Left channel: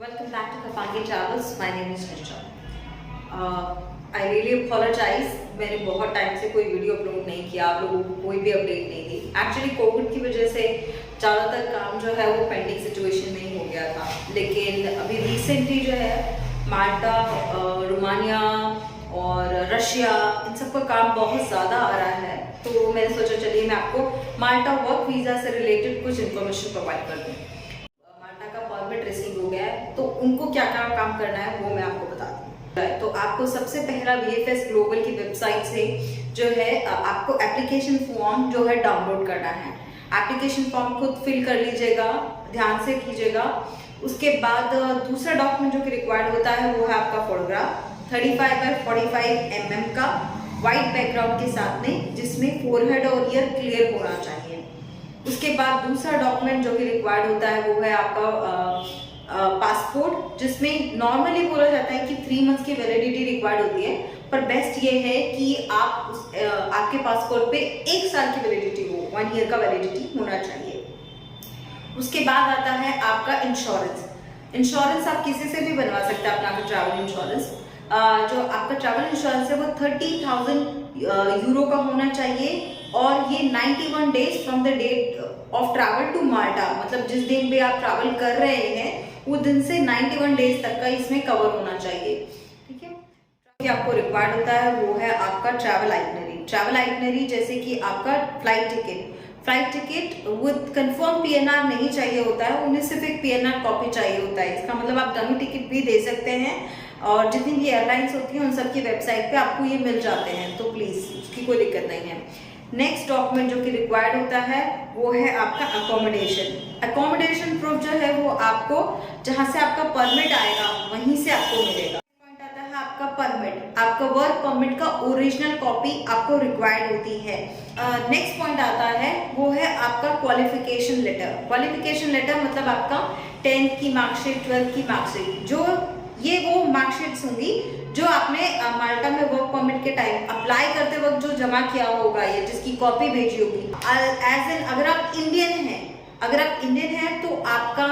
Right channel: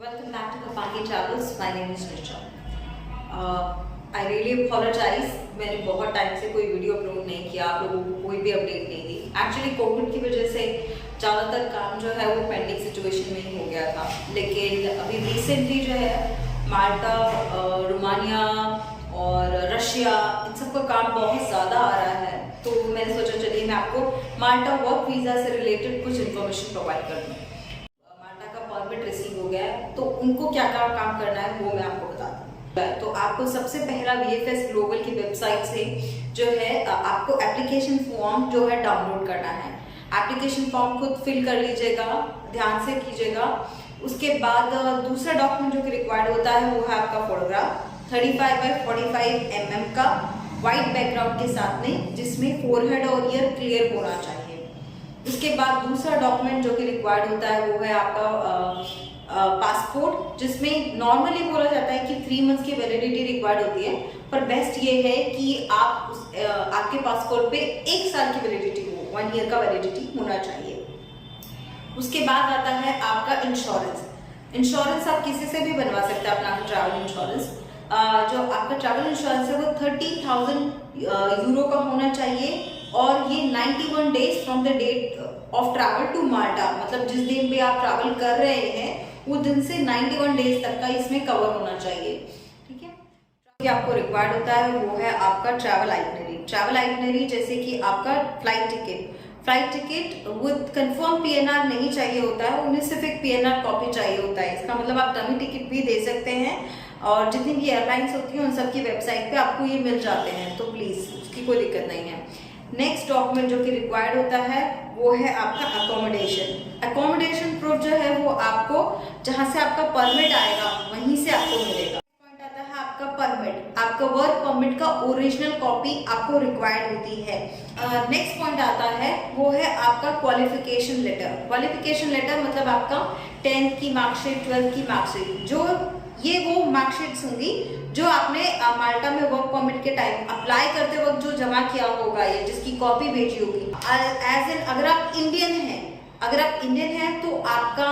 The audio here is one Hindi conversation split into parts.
Welcome back to Kapangi Travels. My name is Nisha. I really apologize. मैंने बहुत टाइम से कोई वीडियो अपलोड नहीं किया, आप लोगों को कोई भी अपडेट नहीं दी. एक्चुअली कोविड की वजह से ज़्यादातर काम जो है वो पेंडिंग सिचुएशन में ही हो गया था. लेकिन अभी रिसेंटली जो है माल्टा, रोमानिया और रशिया, इन सब का काम बहुत ज़्यादा आ रहा है. तो मैंने सोचा चलिए मैं आपको माल्टा वर्क वीज़ा से रिलेटेड कुछ इन्फॉर्मेशन प्रोवाइड कर दूँ. माल्टा का परमिट रिसीव हो गया है, तो उनको क्या क्या काम करना है वो मैं आपको बता दूँ. तो आपको सबसे पहला VFS ग्लोबल की वेबसाइट से जो है आपको एप्लीकेशन फॉर्म जो है डाउनलोड करना है. एप्लीकेशन फॉर्म खुद फिल कर लीजिएगा, ध्यान से कीजिएगा. उसके बाद दूसरा डॉक्यूमेंट जो कि रिक्वायर्ड होता है वो है आपका फोटोग्राफ 35 बाय 45 mm का वाइट बैकग्राउंड के साथ में, जिसमें फोरहेड और ईयर क्लियर होना चाहिए. उसके बाद दूसरा डॉक्यूमेंट जो कि रिक्वायर्ड होता है वो है आपका पासपोर्ट, जिसमें नॉर्मली बोला जाता है कि 3 मंथ्स की वैलिडिटी रिक्वायर्ड होती है, पर बेस्ट ये है कि आपके पासपोर्ट पे 1 साल की वैलिडिटी हो, 1 ईयर का वैलिडिटी होना चाहिए. उसके बाद आता है आपका इंश्योरेंस. इंश्योरेंस आप किसी से भी बनवा सकते हैं अपना ट्रैवल इंश्योरेंस. जो आपका ट्रैवल इंश्योरेंस है वो 30,000 यूरो का होना चाहिए, और ये 91 days from the date of travel to Malta, मतलब जिस दिन भी आप ट्रैवल कर रहे हैं वो दिन से 91 डेज तक का इसमें कवर होना चाहिए. ठीक है. कि आपको रिक्वायर्ड होता है वो है आपका ट्रैवल आइटनरी. ट्रैवल आइटनरी जैसे कि आपका flight ticket with confirm PNR नहीं चाहिए होता है, उन्हें सिर्फ एक PNR कॉपी चाहिए होता है. इसका मतलब आप डमी टिकट भी दे सकते हैं, और जितनी भी एयरलाइंस होती हैं उन सब की वेबसाइट पे आपको ये मिल जाते हैं, तो प्लीज़ उसकी कोई दिक्कत नहीं है. नेक्स्ट डॉक्यूमेंट जो कि रिक्वायर्ड होता है वो है आपका अकोमोडेशन प्रूफ जो है वो आपको जहाँ से आपका परमिट आएगा वहीं से आपको मिलेगा. पॉइंट आता है आपका परमिट. आपका वर्क परमिट का ओरिजिनल कॉपी आपको रिक्वायर्ड होती है. नेक्स्ट पॉइंट आता है वो है आपका क्वालिफिकेशन लेटर मतलब आपका 10th की मार्कशीट, 12th की मार्कशीट, जो ये वो मार्कशीट्स होंगी जो आपने माल्टा में वर्क परमिट के टाइम अप्लाई करते वक्त जो जमा किया होगा, ये जिसकी कॉपी भेजी होगी. एज एन अगर आप इंडियन हैं तो आपका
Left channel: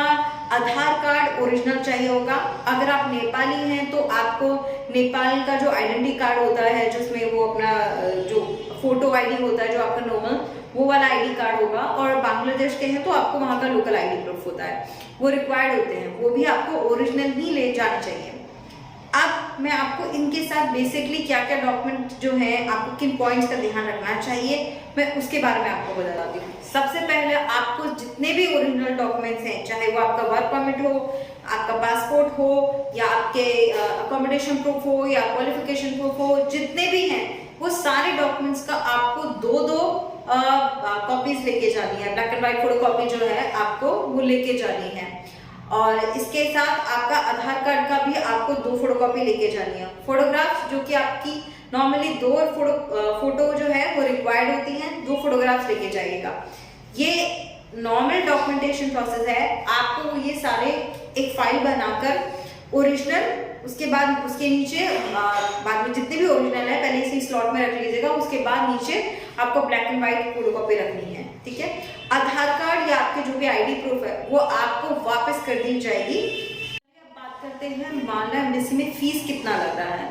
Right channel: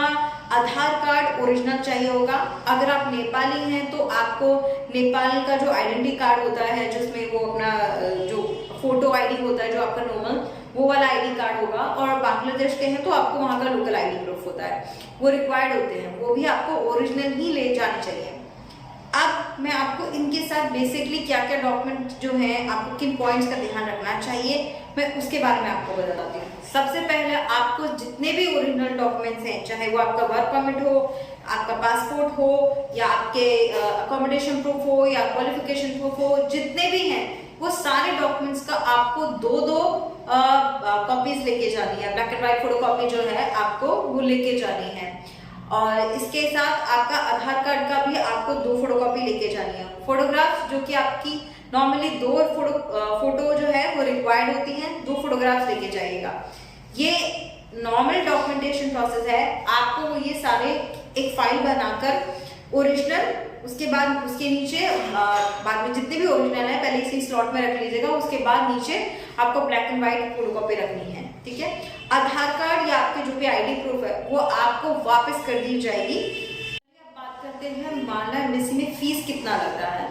आधार कार्ड ओरिजिनल चाहिए होगा. अगर आप नेपाली हैं तो आपको नेपाल का जो आइडेंटिटी कार्ड होता है, जिसमें वो अपना जो फोटो ID होता है, जो आपका नॉर्मल वो वाला ID कार्ड होगा. और बांग्लादेश के हैं तो आपको वहाँ का लोकल ID प्रूफ होता है, वो रिक्वायर्ड होते हैं. वो भी आपको ओरिजिनल ही ले जाने चाहिए. अब मैं आपको इनके साथ बेसिकली क्या क्या डॉक्यूमेंट जो हैं, आपको किन पॉइंट्स का ध्यान रखना चाहिए, मैं उसके बारे में आपको बताती हूँ. सबसे पहले आपको जितने भी ओरिजिनल डॉक्यूमेंट्स हैं, चाहे वो आपका वर्क परमिट हो, आपका पासपोर्ट हो, या आपके अकोमोडेशन प्रूफ हो, या क्वालिफिकेशन प्रूफ हो, जितने भी हैं वो सारे डॉक्यूमेंट्स का आपको दो कॉपीज लेके जानी है. Black and white photo copy जो है आपको वो लेके जानी है. और इसके साथ आपका आधार कार्ड का भी आपको 2 फोटोकॉपी लेके जानी है. फोटोग्राफ्स जो कि आपकी नॉर्मली 2 फोटो जो है वो रिक्वायर्ड होती हैं, 2 फोटोग्राफ्स लेके जाइएगा. ये नॉर्मल डॉक्यूमेंटेशन प्रोसेस है. आपको ये सारे एक फाइल बनाकर ओरिजिनल, उसके बाद उसके नीचे बाद में जितने भी ओरिजिनल है पहले इसी स्लॉट में रख लीजिएगा. उसके बाद नीचे आपको ब्लैक एंड व्हाइट फोटोकॉपी रखनी है. ठीक है. आधार कार्ड या आपके जो भी ID प्रूफ है वो आपको वापस कर दी जाएगी. अब बात करते हैं माल्टा एम्बेसी में फीस कितना लग रहा है.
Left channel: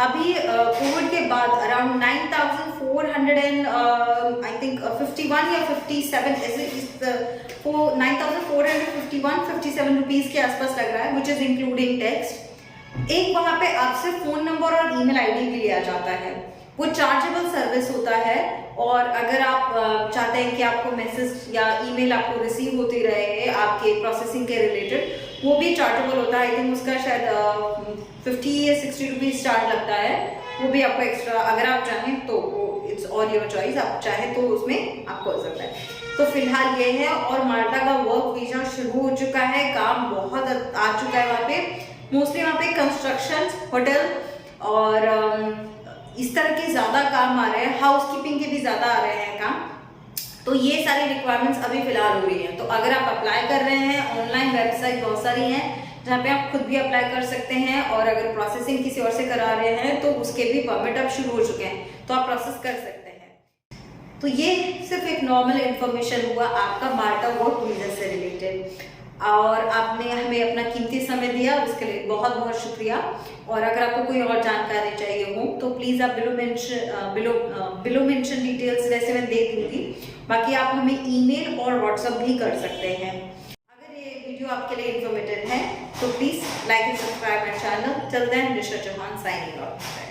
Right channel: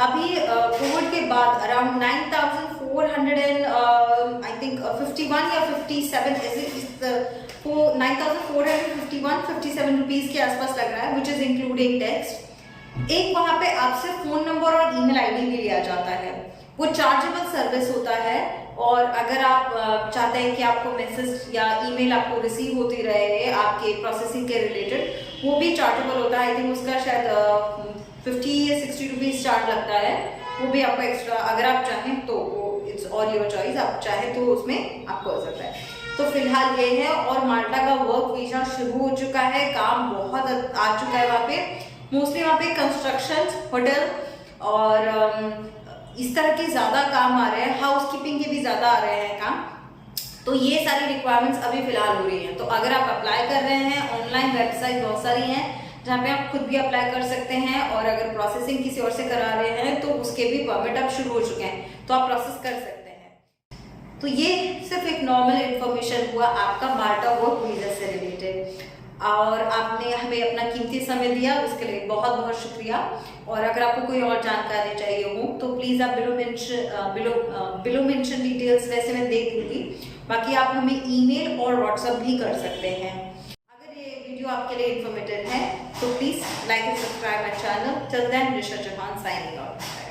अभी कोविड के बाद अराउंड 9,400 एंड आई थिंक 51 या 57 9,451-57 रुपीज के आसपास लग रहा है, विच इज इंक्लूडिंग टैक्स. एक वहां पे आपसे फोन नंबर और ईमेल ID भी लिया जाता है. वो चार्जेबल सर्विस होता है, और अगर आप चाहते हैं कि आपको मैसेज या ईमेल आपको रिसीव होती रहे आपके प्रोसेसिंग के रिलेटेड, वो भी चार्जेबल होता है. आई थिंक उसका शायद 50 या 60 रुपीज चार्ज लगता है. वो भी आपको एक्स्ट्रा अगर आप चाहें तो वो इट्स ऑल योर चॉइस, आप चाहें तो उसमें आपको हो सकता है. तो फिलहाल ये है. और माल्टा का वर्क वीजा शुरू हो चुका है, काम बहुत आ चुका है वहाँ पे. मोस्टली वहाँ पे कंस्ट्रक्शन, होटल और इस तरह के ज़्यादा काम आ रहे हैं. हाउस कीपिंग के भी ज़्यादा आ रहे हैं काम. तो ये सारी रिक्वायरमेंट्स अभी फिलहाल हो रही हैं. तो अगर आप अप्लाई कर रहे हैं, ऑनलाइन वेबसाइट बहुत सारी हैं जहाँ पे आप खुद भी अप्लाई कर सकते हैं, और अगर प्रोसेसिंग किसी और से करा रहे हैं तो उसके भी परमिट अब शुरू हो चुके हैं, तो आप प्रोसेस कर सकते हैं. तो ये सिर्फ एक नॉर्मल इन्फॉर्मेशन हुआ आपका माल्टा वर्क वीजा से रिलेटेड. और आपने हमें अपना कीमती समय दिया, उसके लिए बहुत बहुत शुक्रिया। और अगर आपको कोई और जानकारी चाहिए हो तो प्लीज़ आप बिलो मेंशन डिटेल्स वैसे मैं दे दूँगी, बाकी आप हमें ईमेल और व्हाट्सअप भी कर सकते हैं। अगर ये वीडियो आपके लिए इन्फॉर्मेटिव है तो please like and subscribe my channel. Till then, Nisha Chauhan signing out.